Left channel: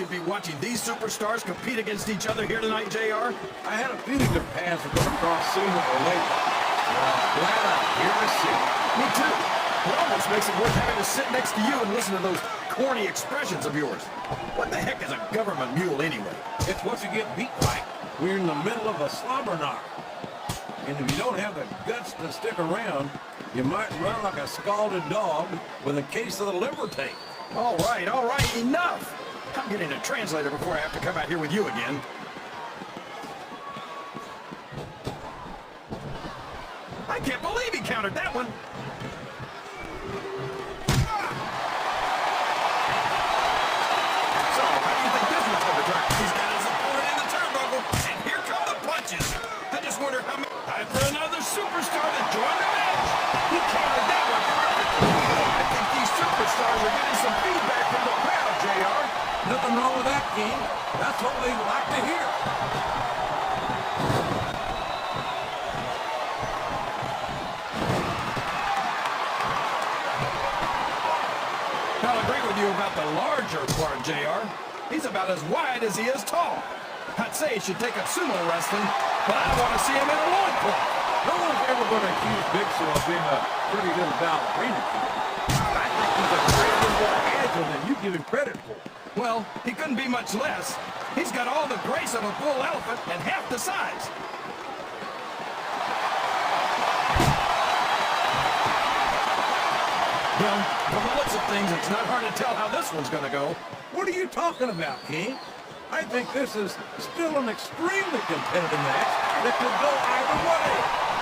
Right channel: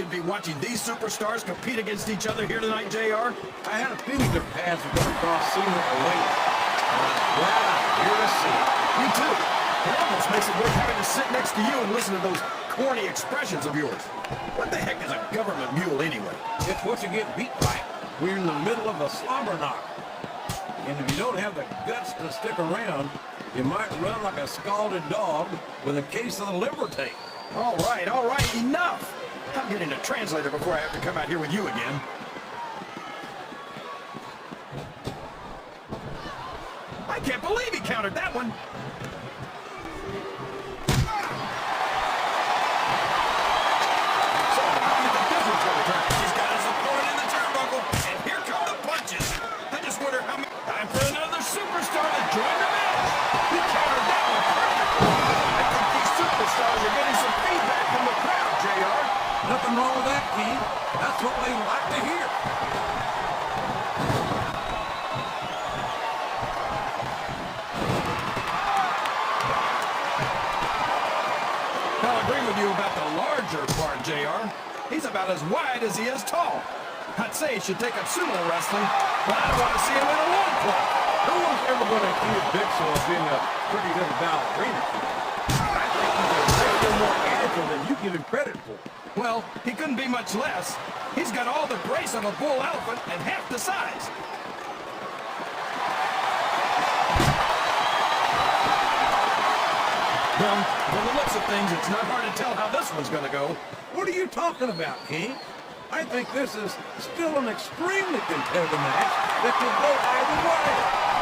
you'd be watching these superstars compete against each other here tonight, JR? I had a feeling their paths were going to cross sooner or later. I'm glad I'm here to see it. Me too. It almost makes it worth having to sit next to you and listen to those corny expressions of yours. What the heck is a government mule anyway? It's what you get beat by. We're in the middle of a slobber knock. And if you don't have the guts to stick around, you might run like a scalded dog with a case of the liver tape. All right, enough! I'm getting a translator before I have to come out here with you again. I can't believe he countered that one! So, how do you think this one's gonna turn? He's got his support in the turnbuckle, and here come the punches! I just wonder how many... Time for another superstar that joined the match! He countered that one perfectly! I think these superstars are getting some feedback from the crowd, JR. Nothing wrong with that, King. That's what we like to hear. I'll agree with you about the larger part, JR. He's about as wide as he is tall. I'd say he should take up sumo wrestling, but I want to see him in a loincloth. No one's ever going to accuse Big Show of being a pretty little ballerina. I think he's a great deal more agile than you give him credit for. Well, he couldn't be much less. He's got all the grace of a bull elephant and half the size. Well, from the looks of things, it's not hard to tell how this one's going to go. What are you talking about, King? I think this is still an extremely competitive match that could go either way.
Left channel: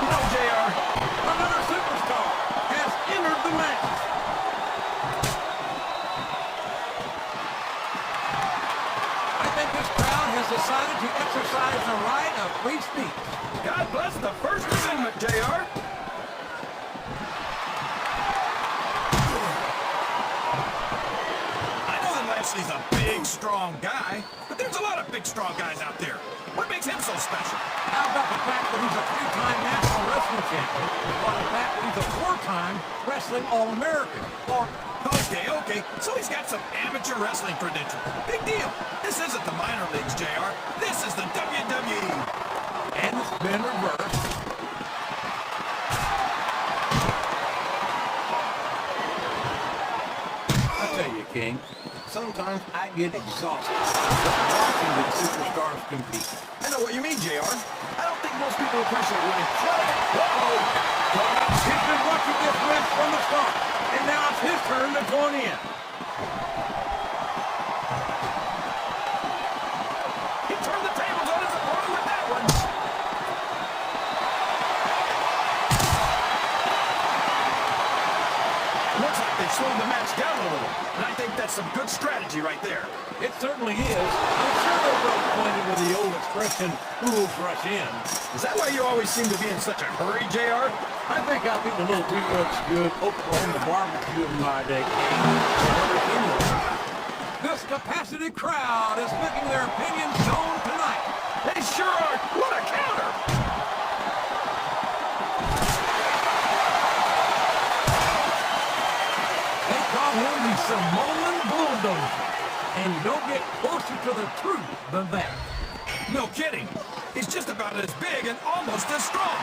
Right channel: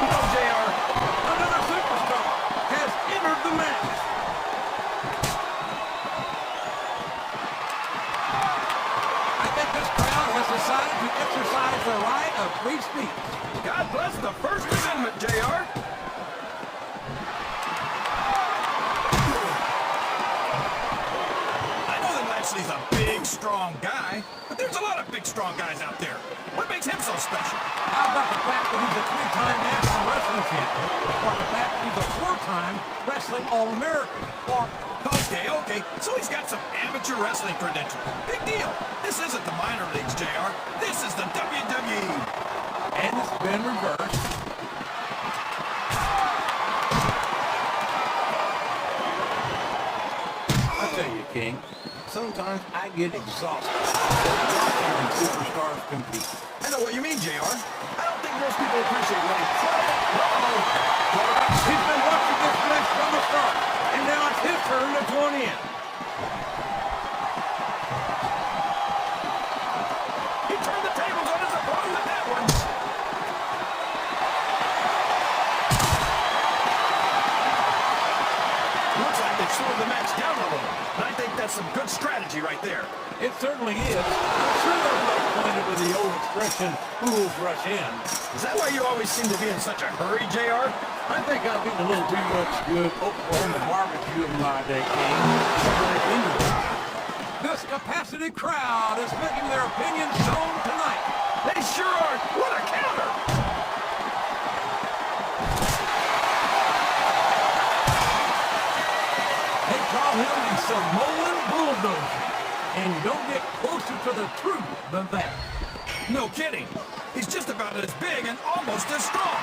No, JR. Another superstar has entered the match. I think this crowd has decided to exercise the right of free speech. God bless the First Amendment, JR. I know that Lashley's a big, strong guy, but there's a lot of big, strong guys out there. What makes him so special? How about the fact that he's a three-time national wrestling champion, or the fact that he's a four-time wrestling All-American, or... Okay, so he's got some amateur wrestling credentials. Big deal. This isn't the minor leagues, JR. This is the WWE. And it's been reversed. I tell you, King, sometimes I get exhausted watching these superstars compete. I know what you mean, JR. I don't think most people appreciate what incredible... He's been watching this match from the start, and now it's his turn to join in. He turned the tables on his opponent with that one. Looks like they've slowed the match down a little, and I think that's some good strategy right there. It certainly is. I'm sure they're both pointed with the old expression, fools rush in. Is that why you always seem to be in such a hurry, JR? I think I've eaten a little too much good Oklahoma barbecue in my day, King. This capacity crowd is making their opinions known tonight. They sure are. What a counter! They call him the Samoan bulldozer, and you don't get closer to the truth than that. No kidding. He's just about as big and almost as strong.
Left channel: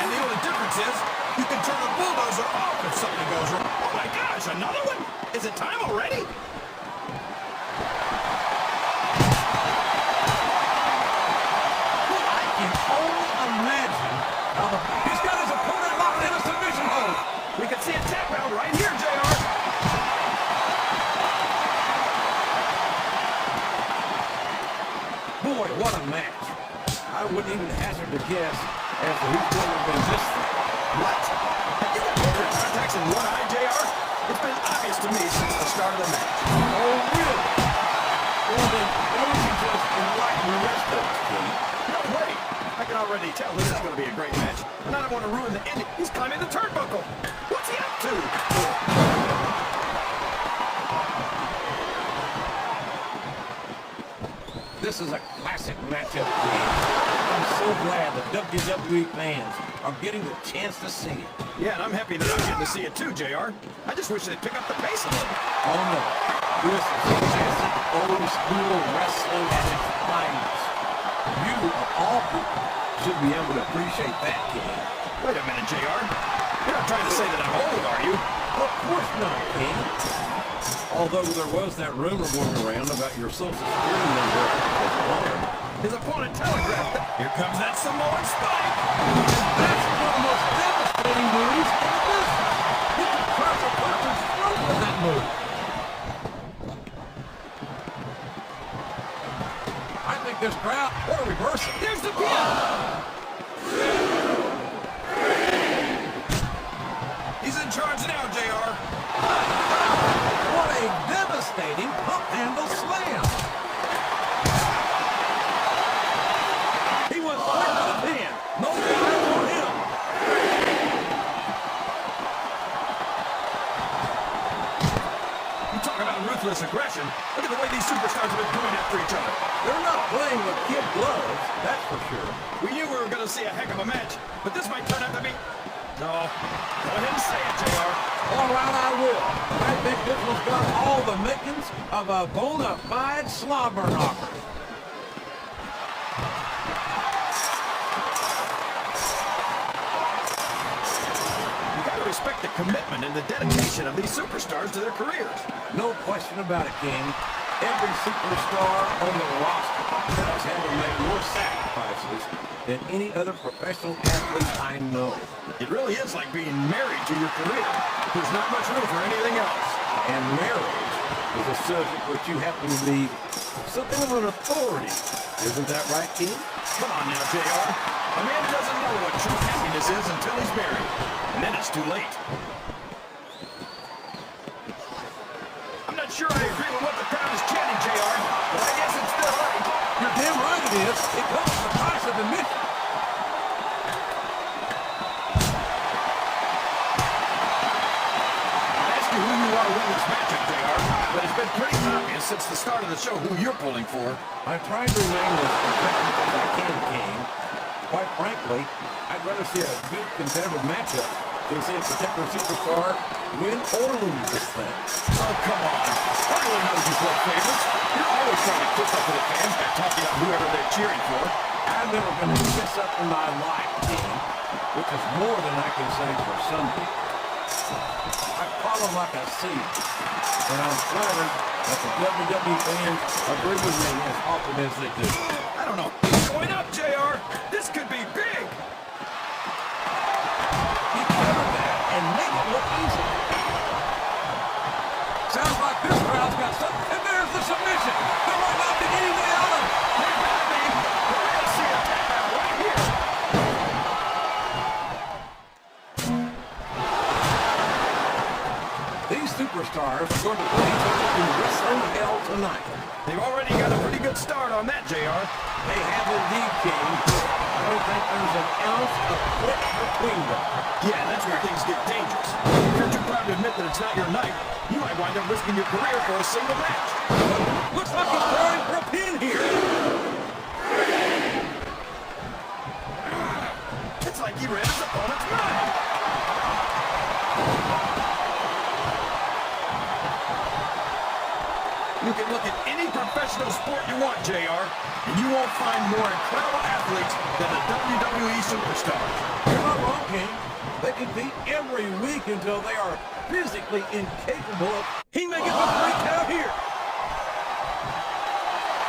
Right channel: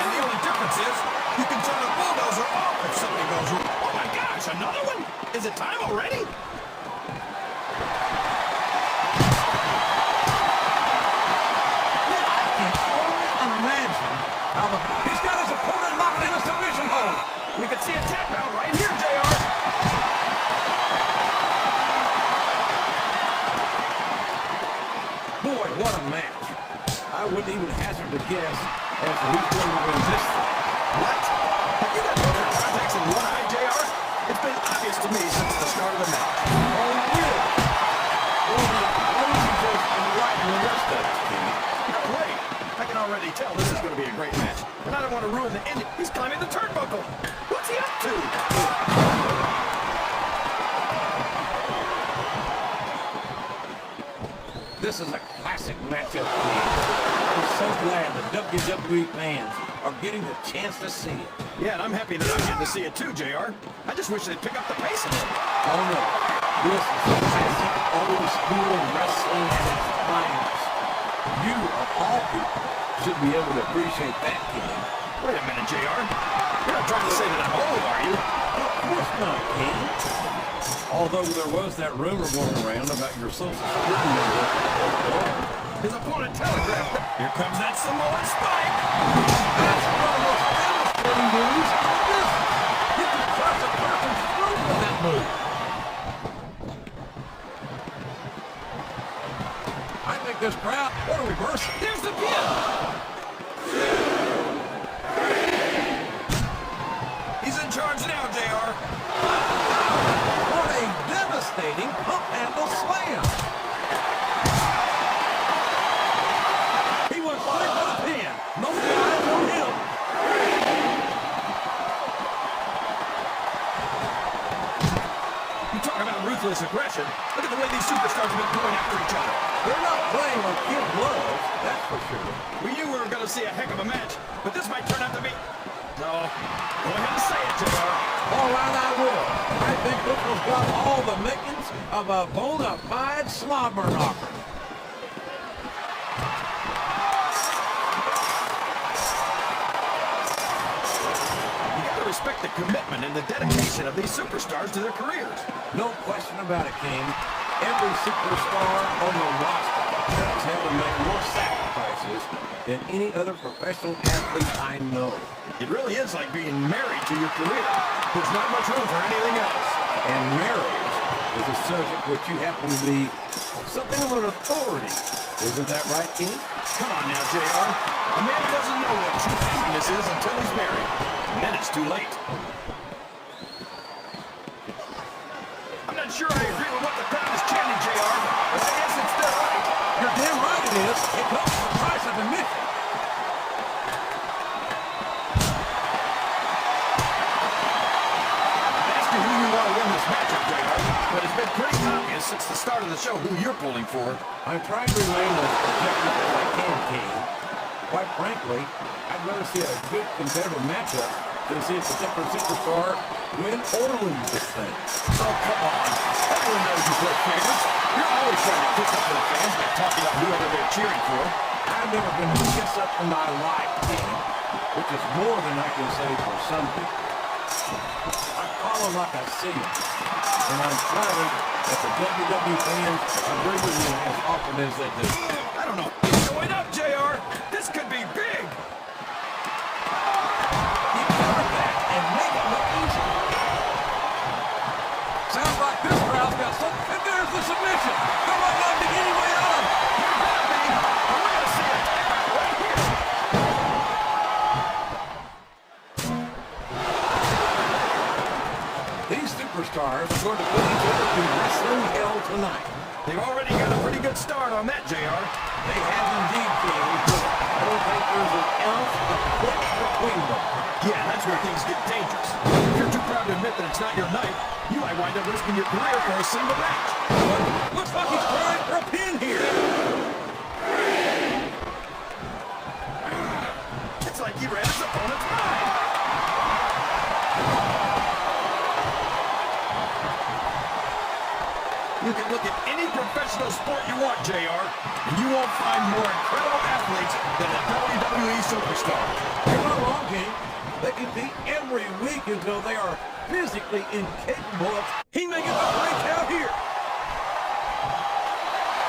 And the only difference is, you can turn a bulldozer off if something goes wrong. Oh my gosh, another one? Is it time already? I can only imagine how he's got his opponent locked in a submission hold. We can see a tap out right here, JR. Boy, what a match. I wouldn't even hazard a guess as to who's going to win this thing. What? Have you got better contacts in one eye, JR? It's been obvious to me since the start of the match. Oh, really? Or did Cozy just enlighten the rest of us, King? No way. I can already tell this is going to be a great match. And I don't want to ruin the ending. He's climbing the turnbuckle. What's he up to? This is a classic matchup, King. I'm so glad the WWE fans are getting the chance to see it. Yeah, and I'm happy that I'm getting to see it too, JR. I just wish they'd pick up the pace a little. Oh, no. This is a classic old school wrestling at its finest. You, of all people, should be able to appreciate that, kid. Wait a minute, JR. You're not trying to say that I'm old, are you? Of course not, kid. Although there was that rumor going around about your social security number. His opponent telegraphed. Here comes that Samoan spike. That's one of the most devastating moves in the business. You can crush a person's throat with that move. I think this crowd will reverse it. Here's the pin. He's in charge now, JR. What a devastating pump handle slam. He was right to the pin. No guys on him. You talk about ruthless aggression. Look at the way these superstars have been going after each other. They're not playing with kid gloves, that's for sure. We knew we were going to see a heck of a match, but this might turn out to be... No, go ahead and say it, JR. All right, I will. I think this has got all the makings of a bona fide slobber knocker. Respect the commitment and the dedication of these superstars to their careers. No question about it, King. Every superstar on the roster has had to make more sacrifices than any other professional athlete I know. It really is like being married to your career. There's not much room for anything else. And marriage is a subject which you happen to be something of an authority. Isn't that right, King? Come on now, JR. A man doesn't know what true happiness is until he's married. And then it's too late. I'm not sure I agree with what the crowd is chanting, JR, but I guess it's still right. You're damn right it is. It comes with the price of admission. Ask you who you want to win this matchup, JR, but it's been pretty obvious since the start of the show who you're pulling for. I try to remain as protective as I can, King. Quite frankly, I'd rather see a good competitive matchup than see a particular superstar win or lose this thing. Oh, come on. Everyone knows you play favorites. You're always trying to kiss up to the fans by talking about whoever they're cheering for. I've never been a kiss up in my life, King, which is more than I can say for some people. I call them like I see them, and I'm flattered that the WWE fans agree with me as often as they do. I don't know. It's going up, JR. This could be big. You cover that and make it look easy. Sounds like this crowd's got something. And there's the submission. There might not be any way out of it. There better be. We're going to see a tap out right here. These superstars are going to put each other through wrestling hell tonight. They've already got a pretty good start on that, JR. They have indeed, King. I don't think there's an ounce of click between them. Yeah, that's where things get dangerous. If you're too proud to admit that it's not your night, you might wind up risking your career for a single match. Looks like he's trying for a pin here. It's like he read his opponent's mind. You can look at any professional sport you want, JR, and you won't find more incredible athletes than the WWE superstars. You're not wrong, King. They compete every week until they are physically incapable of... He may get the break out here.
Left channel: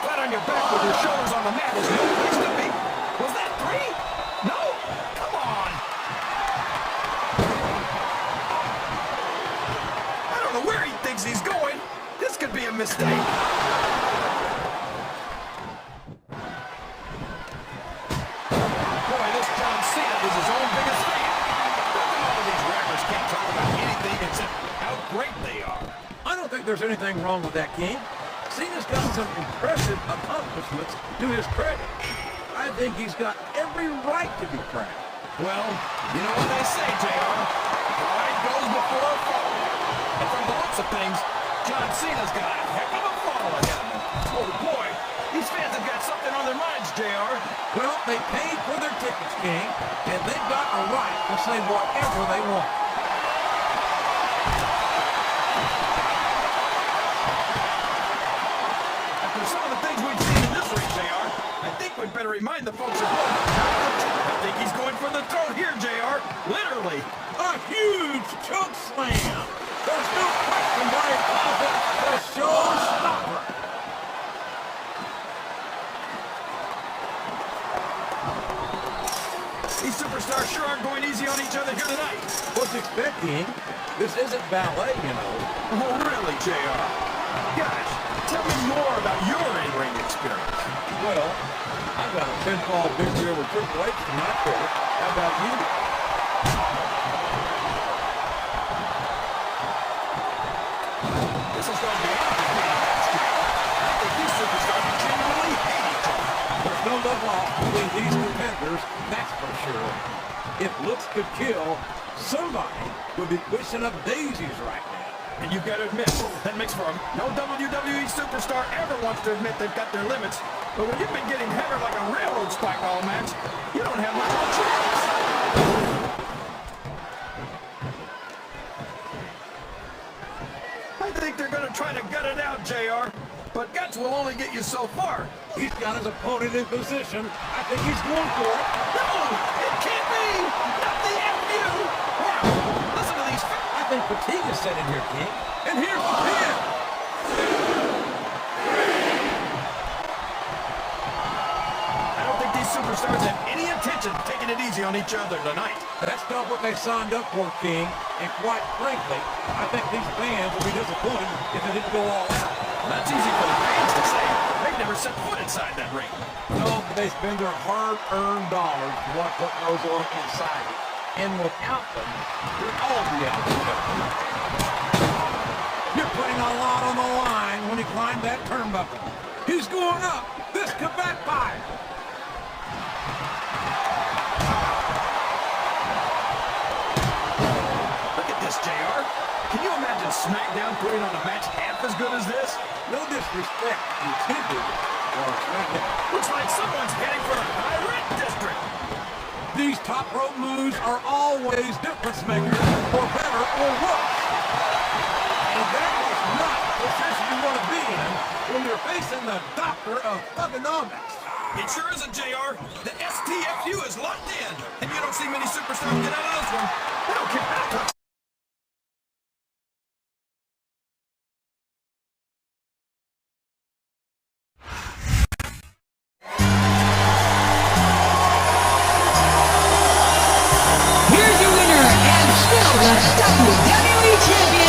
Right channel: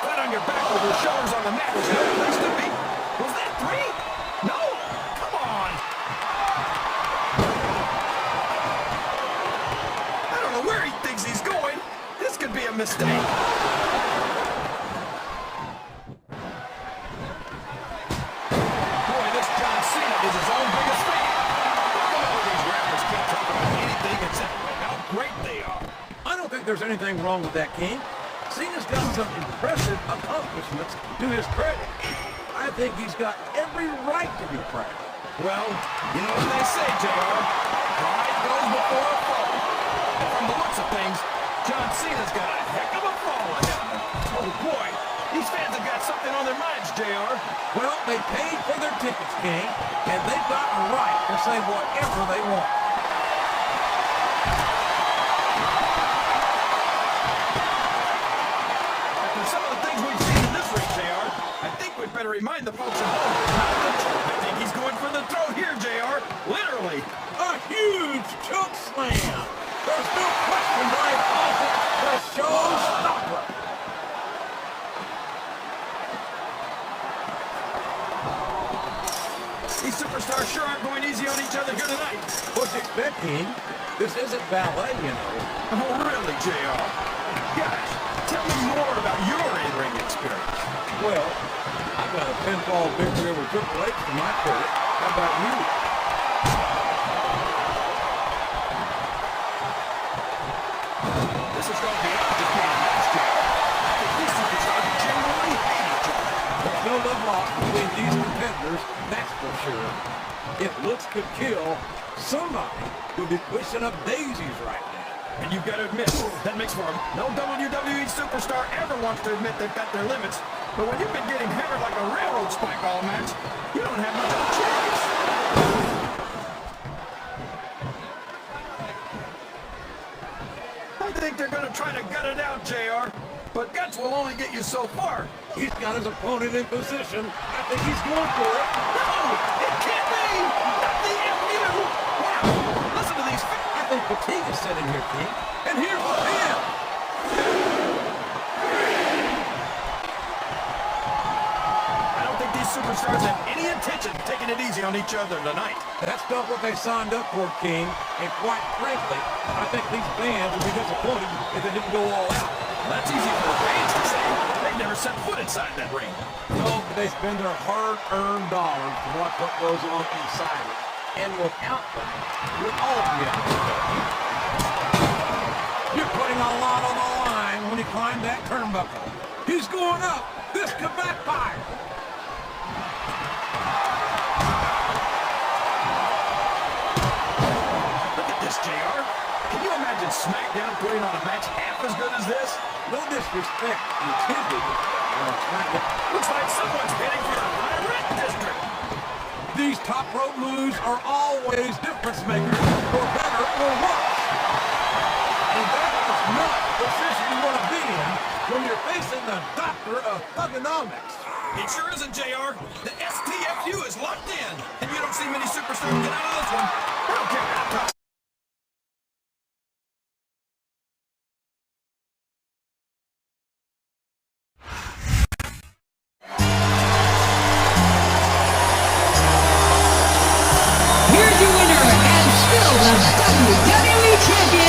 Flat on your back with your shoulders on the mat is the only place to be. Was that 3? No? Come on. I don't know where he thinks he's going. This could be a mistake. Boy, this John Cena is his own biggest fan. Come on, these rappers can't talk about anything except how great they are. I don't think there's anything wrong with that, King. Cena's got some impressive accomplishments to his credit. I think he's got every right to be proud. Well, you know what they say, JR. Pride goes before a fall. And from the looks of things, John Cena's got a heck of a fall ahead. Oh boy, these fans have got something on their minds, JR. Well, they paid for their tickets, King, and they've got the right to say whatever they want. try to remind the folks. I think he's going for the throat here, JR. Literally. A huge choke slam. There's no question why it calls it the showstopper. These superstars sure aren't going easy on each other here tonight. What's expecting? This isn't ballet, you know. Oh, really, JR? Gosh, tell me more about your in-ring experience. Well, I got a pinfall victory over Triple H in my career. How about you? This is going to be undefeated match, JR. I think these superstars genuinely hate each other. There's no love lost between these two Panthers, that's for sure. If looks could kill, somebody would be pushing up daisies right now. And you've got to admit, that makes for no WWE superstar ever wants to admit they've got their limits. But when you've been getting hammered like a railroad spike all match, you don't have much of a choice. I think they're going to try to gut it out, JR. But guts will only get you so far. He's got his opponent in position. I think he's going for it. No, it can't be. Not the FU. Wow, listen to these. I think fatigue is setting here, King. And here's the pin. I don't think these superstars have any intention of taking it easy on each other tonight. That's not what they signed up for, King. And quite frankly, I think these fans would be disappointed if they didn't go all out. That's easy for the fans to say. They've never set foot inside that ring. No, they spend their hard-earned dollars to watch what goes on inside it. And without them, with all the you're putting a lot on the line when you climb that turnbuckle. He's going up. This could backfire. Look at this, JR. Can you imagine SmackDown putting on a match half as good as this? No disrespect. You can't do it. Well, SmackDown. Looks like someone's heading for the high-rent district. These top rope moves are always difference makers, for better or worse. And that is not the position you want to be in when you're facing the doctor of thugonomics. It sure isn't, JR. The STFU is locked in, and you don't see many superstars get out of this one. I don't care how tough. Here's your winner and still the WWE Champion,